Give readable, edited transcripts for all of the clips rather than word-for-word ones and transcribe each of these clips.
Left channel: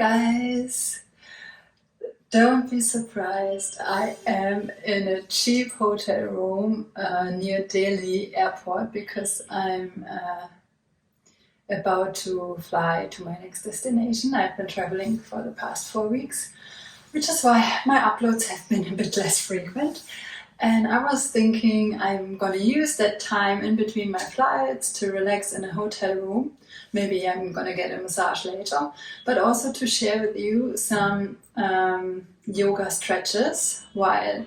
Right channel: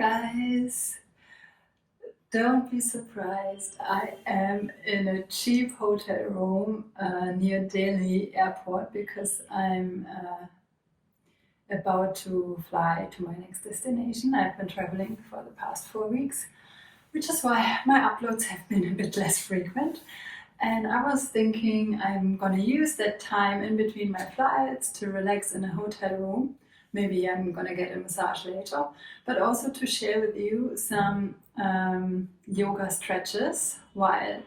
guys, don't be surprised. I am in a cheap hotel room near Delhi airport because I'm about to fly to my next destination. I've been traveling for the past 4 weeks, which is why my uploads have been a bit less frequent. And I was thinking I'm gonna use that time in between my flights to relax in a hotel room. Maybe I'm gonna get a massage later, but also to share with you some yoga stretches while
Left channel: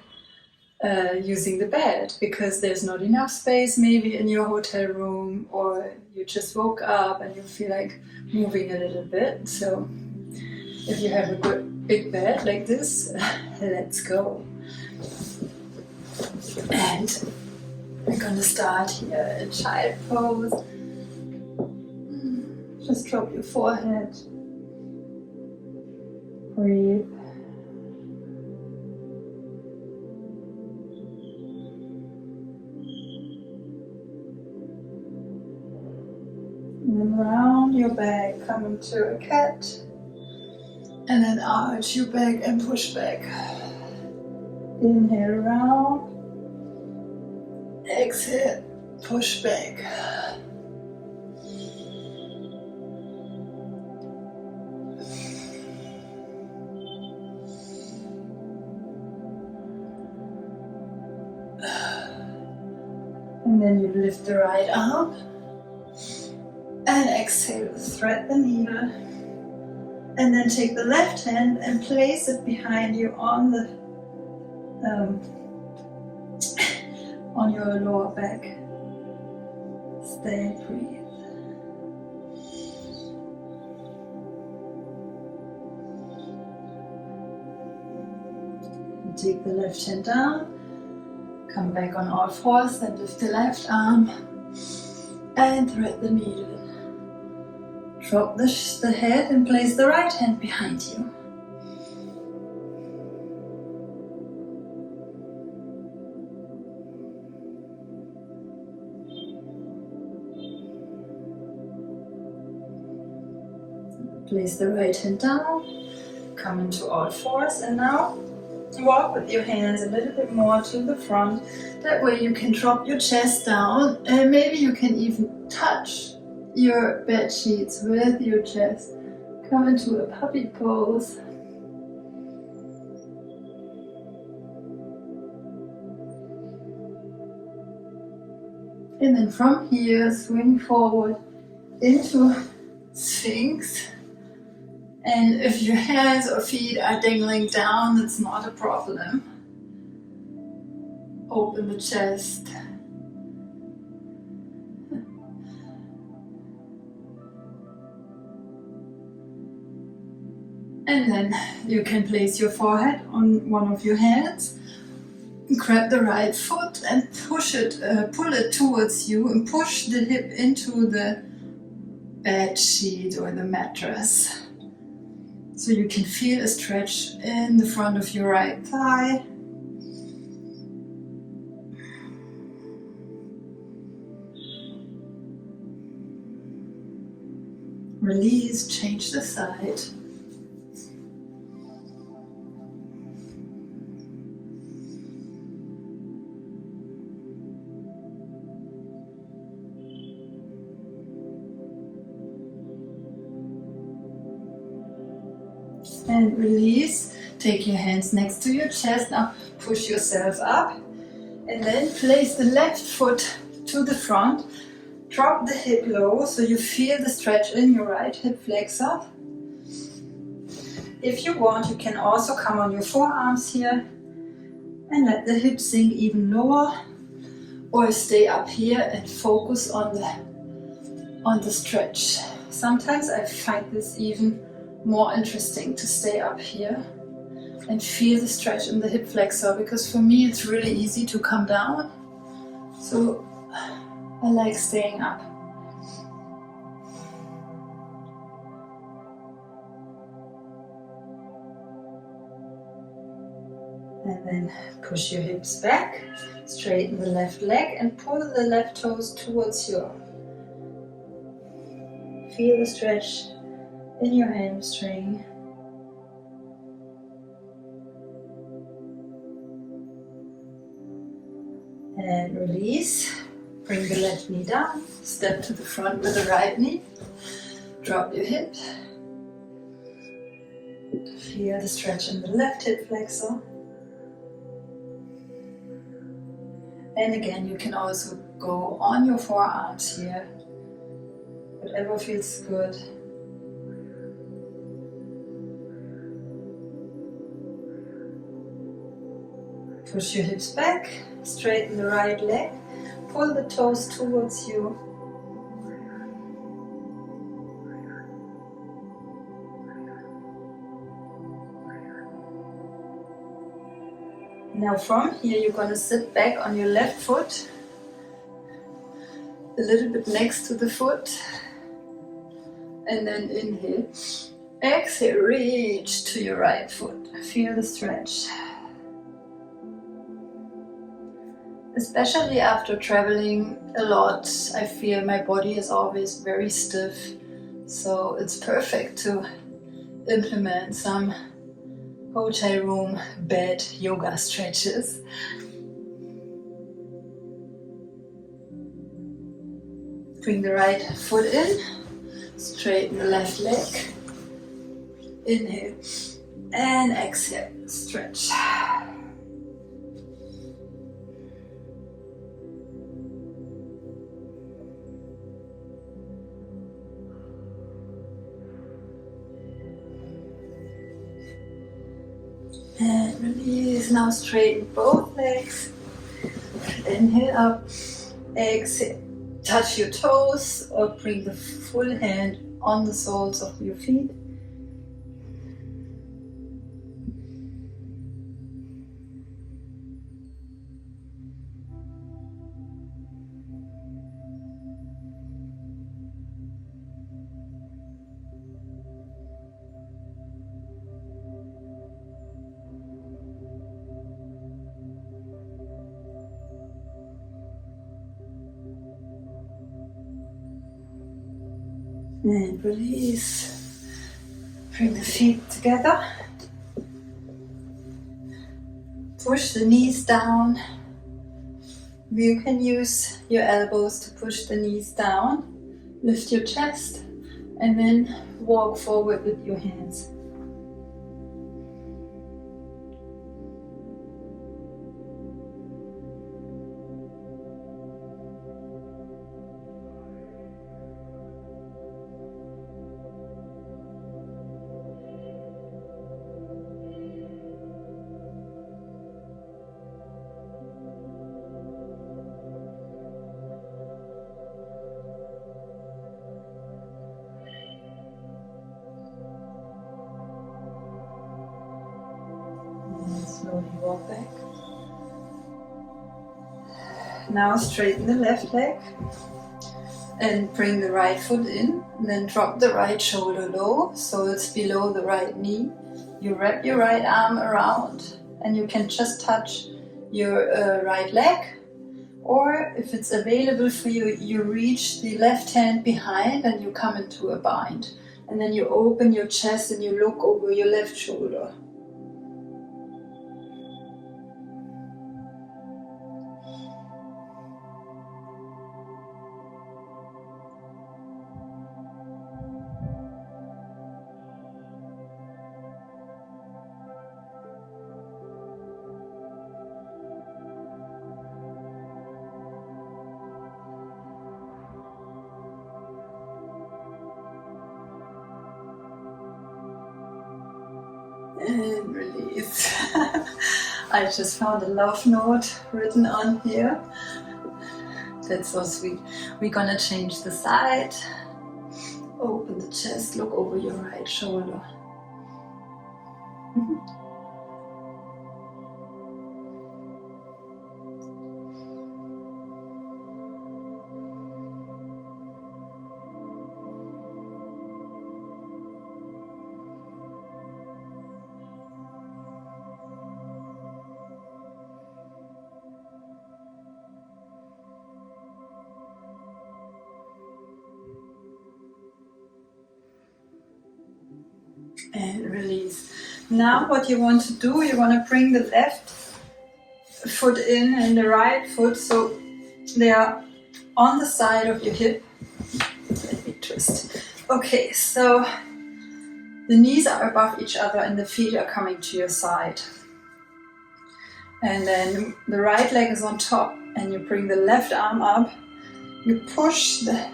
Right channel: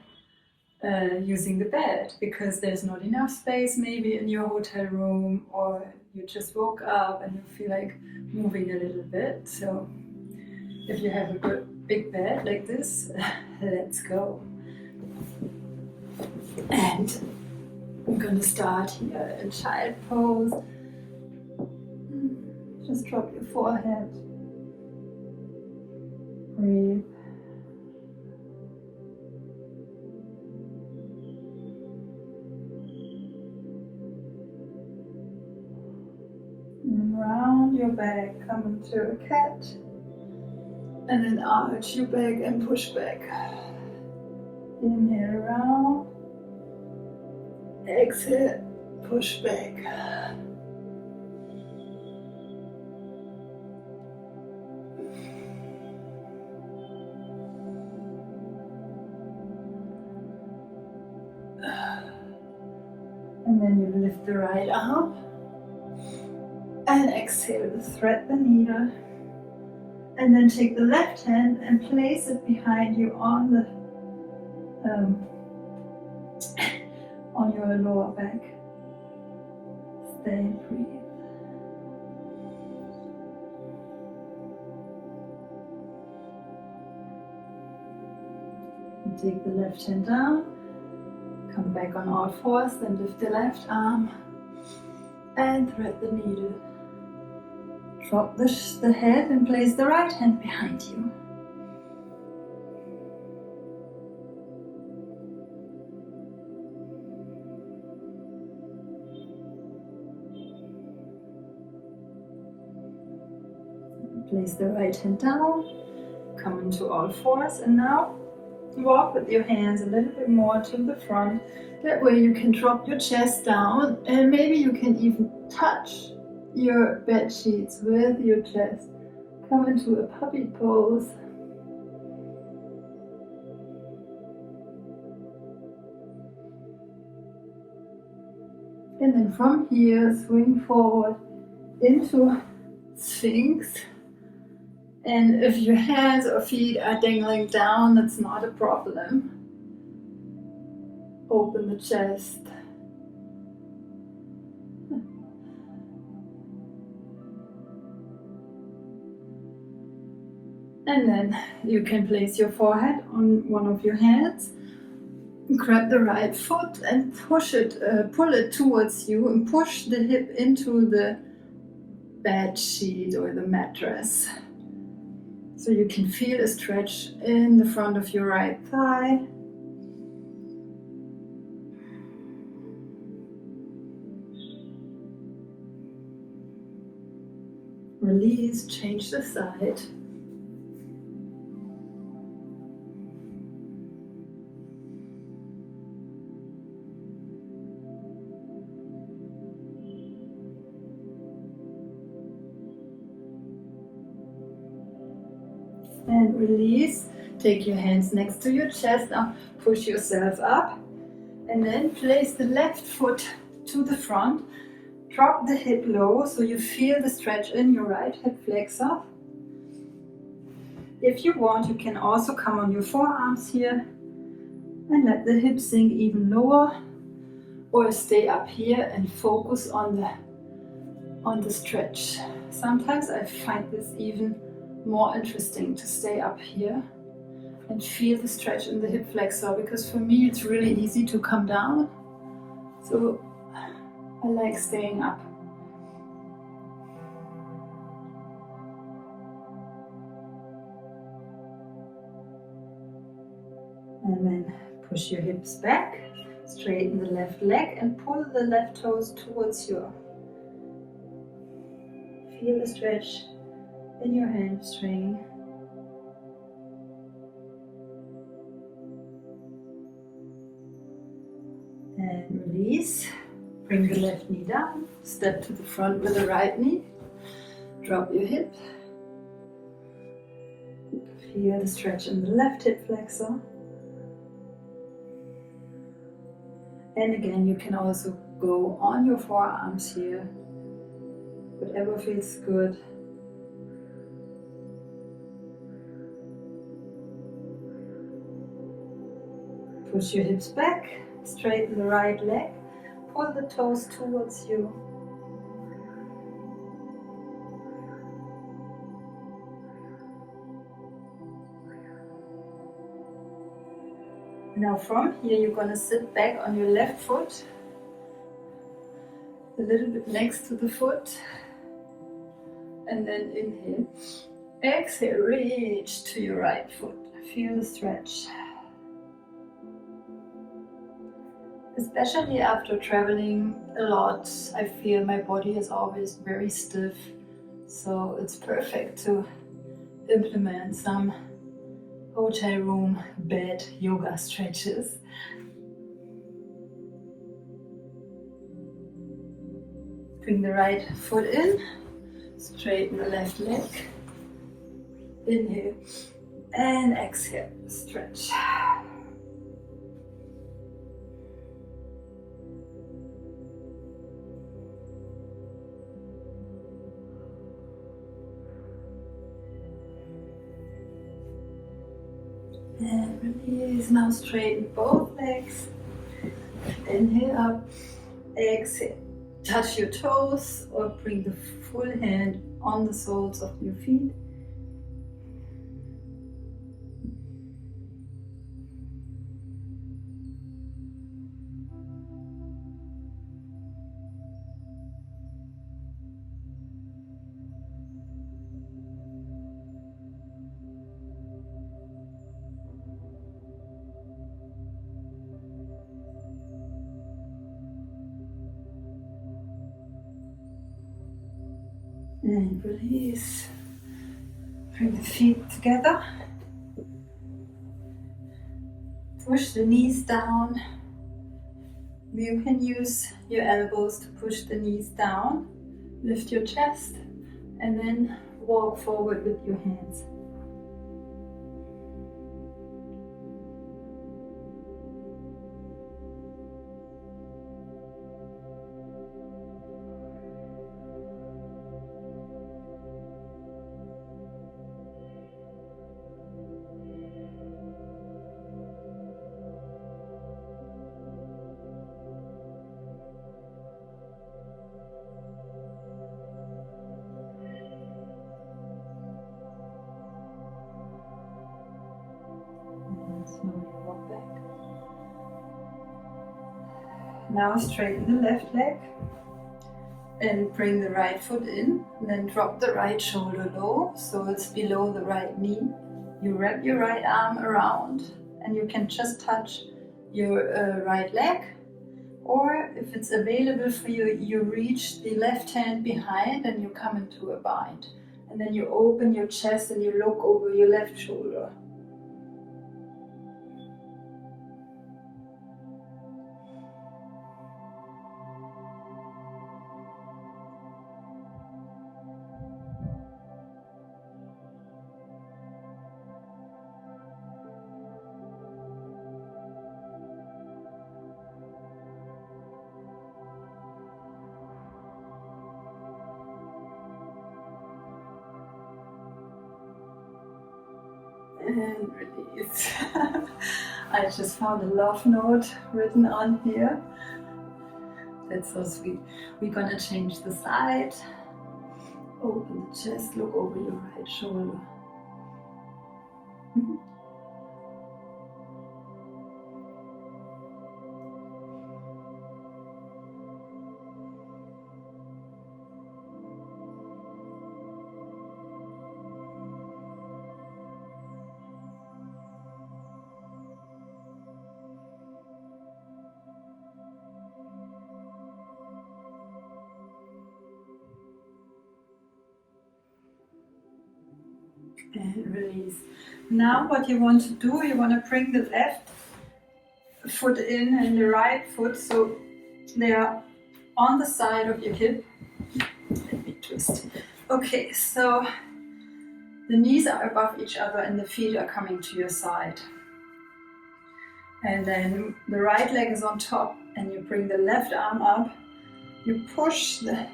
using the bed, because there's not enough space maybe in your hotel room, or you just woke up and you feel like moving a little bit. So if you have a good big bed like this, let's go. And we're gonna start here in child pose. Just drop your forehead. Breathe. And then round your back, come into a cat. And then arch your back and push back. Inhale round. Exhale, push back. And then you lift the right arm and exhale, thread the needle. And then take the left hand and place it behind you on the on your lower back. Stay and breathe. And take the left hand down. Come back on all fours, then lift the left arm and thread the needle. Drop the head and place the right hand behind you. Place the right hand down, come into all fours, and now walk with your hands a little bit more to the front. That way you can drop your chest down, and maybe you can even touch your bed sheets with your chest. Come into a puppy pose. And then from here, swing forward into Sphinx. And if your hands or feet are dangling down, that's not a problem. Open the chest. And then you can place your forehead on one of your hands. Grab the right foot and push it, pull it towards you, and push the hip into the bed sheet or the mattress. So you can feel a stretch in the front of your right thigh. Release, change the side. And release. Take your hands next to your chest. Now push yourself up. And then place the left foot to the front. Drop the hip low so you feel the stretch in your right hip flexor. If you want, you can also come on your forearms here and let the hips sink even lower, or stay up here and focus on the stretch. Sometimes I find this even more interesting to stay up here and feel the stretch in the hip flexor, because for me it's really easy to come down. So I like staying up. And then push your hips back, straighten the left leg and pull the left toes towards you. Feel the stretch in your hamstring. release. Bring the left knee down. Step to the front with the right knee. Drop your hip. Feel the stretch in the left hip flexor. And again, you can also go on your forearms here. Whatever feels good. Push your hips back, straighten the right leg, pull the toes towards you. Now from here you're going to sit back on your left foot, a little bit next to the foot, and then inhale. Exhale, reach to your right foot. Feel the stretch. Especially after traveling a lot, I feel my body is always very stiff. So it's perfect to implement some hotel room bed yoga stretches. Bring the right foot in, straighten the left leg. Inhale and exhale, stretch. And release. Now straighten both legs. Inhale up. Exhale. Touch your toes or bring the full hand on the soles of your feet. And release. Bring the feet together. Push the knees down. You can use your elbows to push the knees down. Lift your chest and then walk forward with your hands. Slowly walk back. Now straighten the left leg and bring the right foot in. And then drop the right shoulder low so it's below the right knee. You wrap your right arm around and you can just touch your right leg. Or if it's available for you, you reach the left hand behind and you come into a bind. And then you open your chest and you look over your left shoulder. And release. I just found a love note written on here. That's so sweet. We're gonna change the side. Open the chest, look over your right shoulder. And release. Now what you want to do, you want to bring the left foot in and the right foot, so They are on the side of your hip. Let me twist. Okay, so the knees are above each other and the feet are coming to your side. And then the right leg is on top and you bring the left arm up. You push the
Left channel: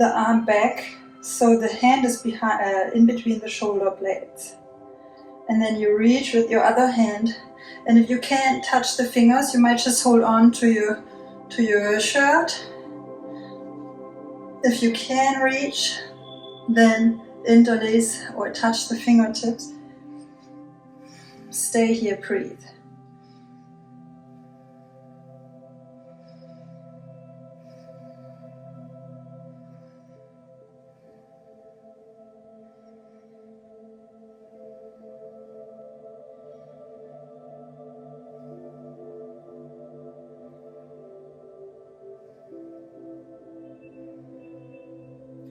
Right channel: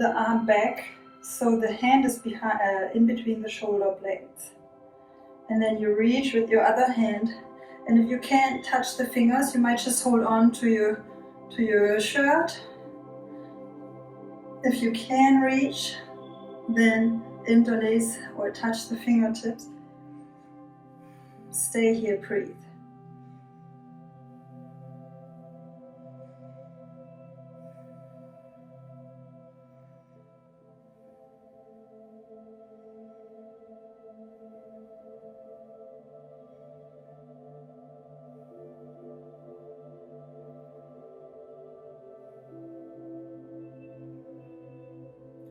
arm back so the hand is behind, in between the shoulder blades. And then you reach with your other hand. And if you can't touch the fingers, you might just hold on to your shirt. If you can reach, then interlace or touch the fingertips. Stay here, breathe.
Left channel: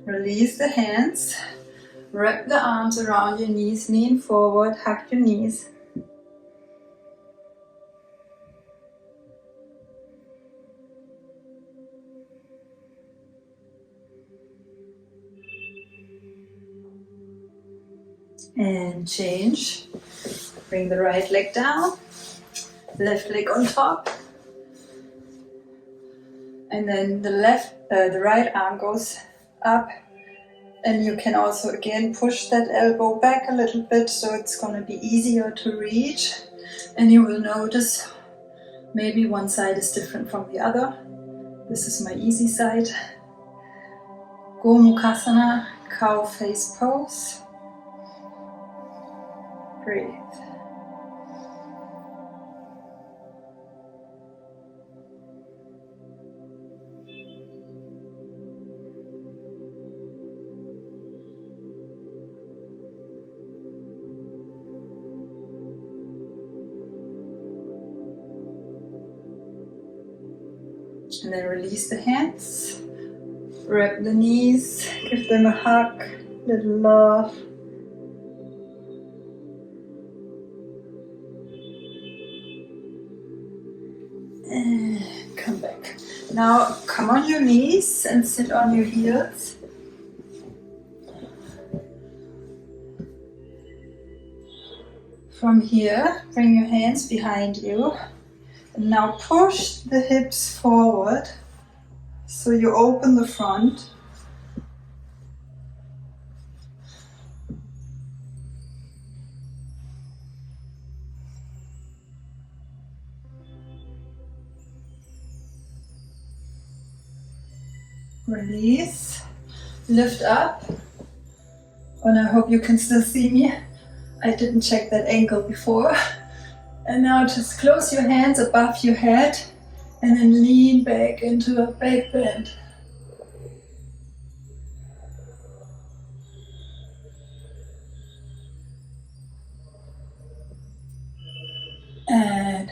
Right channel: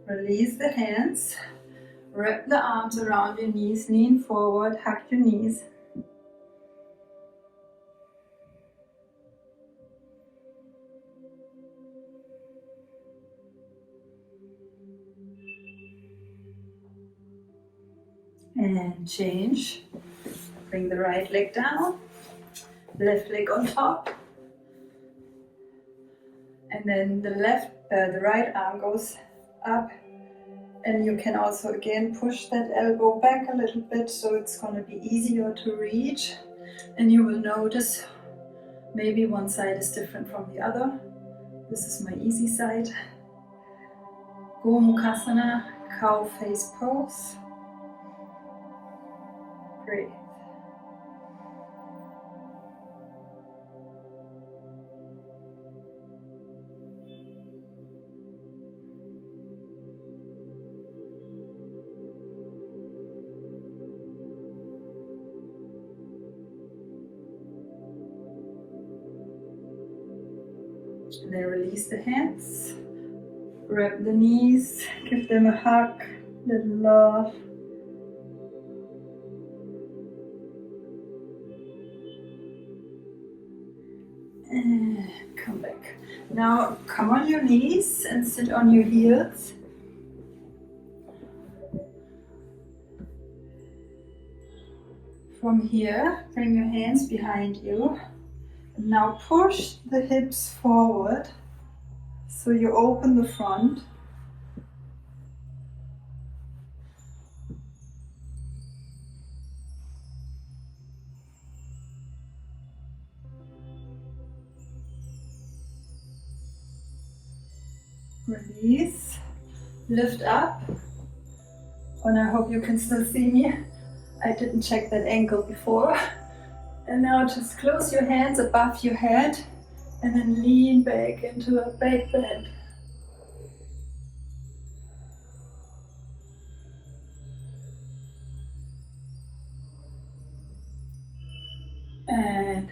Release the hands, wrap the arms around your knees, lean forward, hug your knees. And change. Bring the right leg down, left leg on top. And then the right arm goes up. And you can also again push that elbow back a little bit so it's going to be easier to reach. And you will notice maybe one side is different from the other. This is my easy side. Gomukhasana, cow face pose. Breathe. And then release the hands, wrap the knees, give them a hug, little love. And come back. Now come on your knees and sit on your heels. From here, bring your hands behind you. And now push the hips forward so you open the front. Release, lift up. And I hope you can still see me. I didn't check that ankle before. And now just close your hands above your head and then lean back into a back bend. And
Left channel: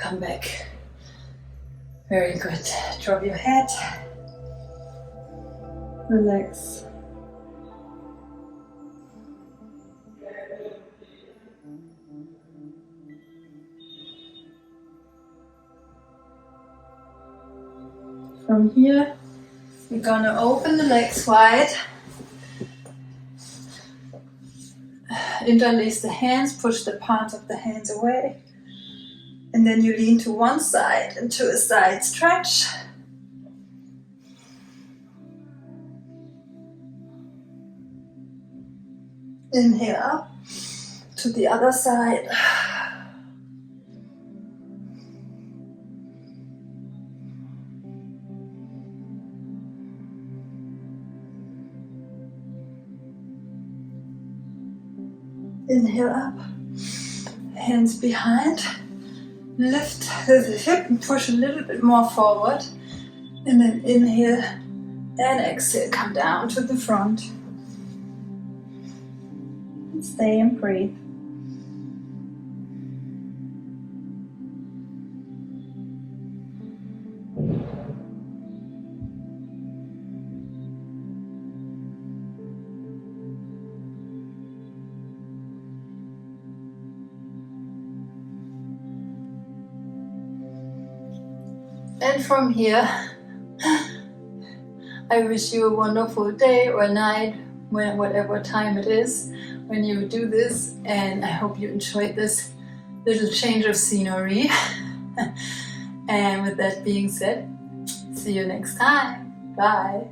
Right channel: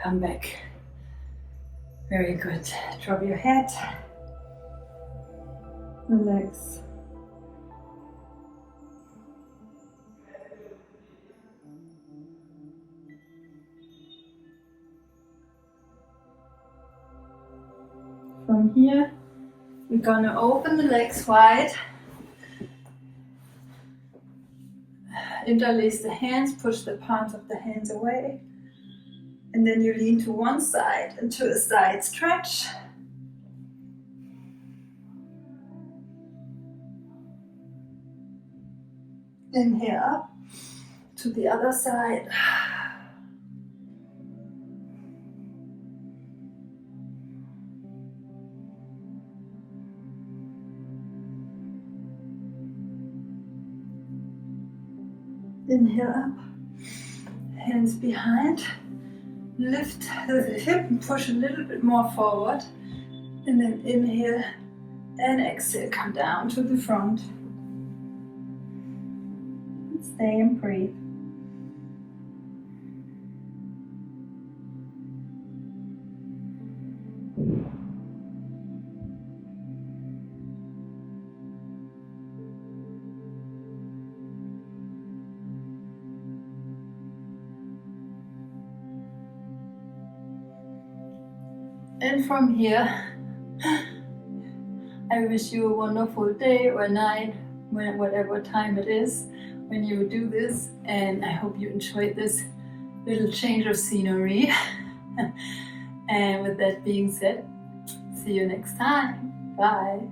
come back. Very good. Drop your head. Relax. From here, we're gonna open the legs wide. Interlace the hands, push the palms of the hands away. And then you lean to one side into a side stretch. Inhale up to the other side. Inhale up, hands behind, lift the hip and push a little bit more forward. And then inhale and exhale, come down to the front. Stay and breathe. And from here, I wish you a wonderful day or night, whatever time it is when you do this, and I hope you enjoyed this little change of scenery. And with that being said, see you next time. Bye.